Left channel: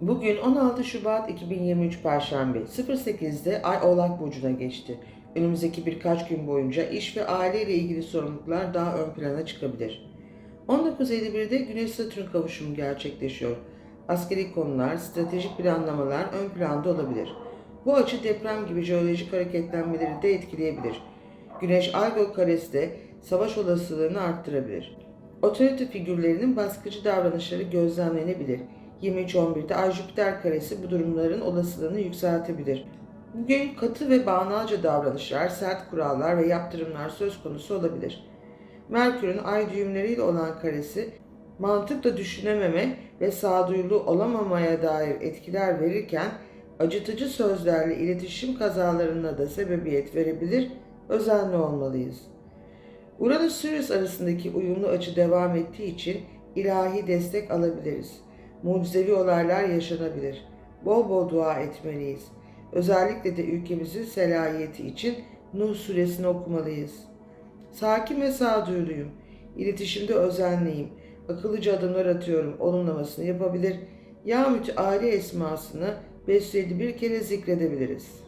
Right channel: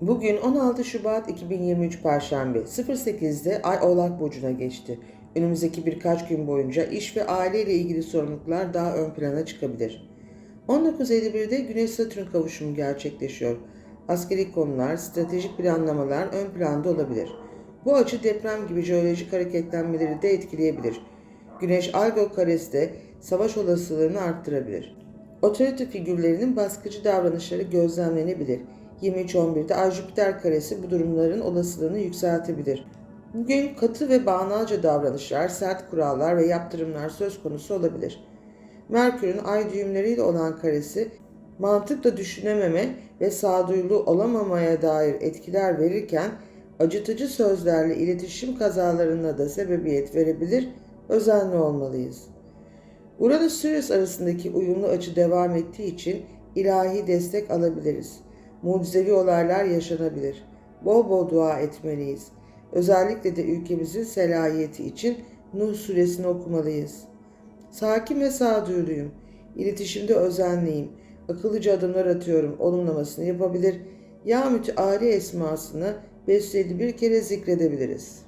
Bugün 16 Şubat 2023 Perşembe 08'de Ay Oğlak Burcu'na geçti. Önümüzdeki birkaç gün boyunca iş ve aile ile ilgili sorumluluklar daha ön plana çıkabilir. 19.51'de Güneş Satürn kavuşumu gerçekleşiyor. Askeri konular, stratejik planlamalar ön planda olabilir. Bu açı deprem gibi jeolojik hareketlenmeleri de etkileyebilir. Güneş Algol karesi de savaş olasılığını arttırabilir. Otorite figürlerinin baskıcı davranışları gözlemlenebilir. 23.11'de Ay Jüpiter karesi bu durumların olasılığını yükseltebilir. Bugün katı ve bağnazca davranışlar, sert kurallar ve yaptırımlar söz konusu olabilir. Merkür'ün ay düğümleriyle olan karesi mantıkla düşünememe ve sağduyulu olamamaya dair etkiler verirken acıtıcı sözlerle iletişim kazalarına da sebebiyet verebilir, özenli olmalıyız. Uranüs-Sirius arasındaki uyumlu açı devam ettiği için ilahi destek alabiliriz. Mucizevi olaylar yaşanabilir. Bol bol dua etmeliyiz. Özellikle de ülkemizin selayeti için Nuh suresini okumalıyız. Sakin ve sağduyuluyum. İletişimde özenliyim. Akıllıca adımlar atıyorum. Olumlamasını yapabilir. Ya müteali esmasını 551 kere zikredebiliriz.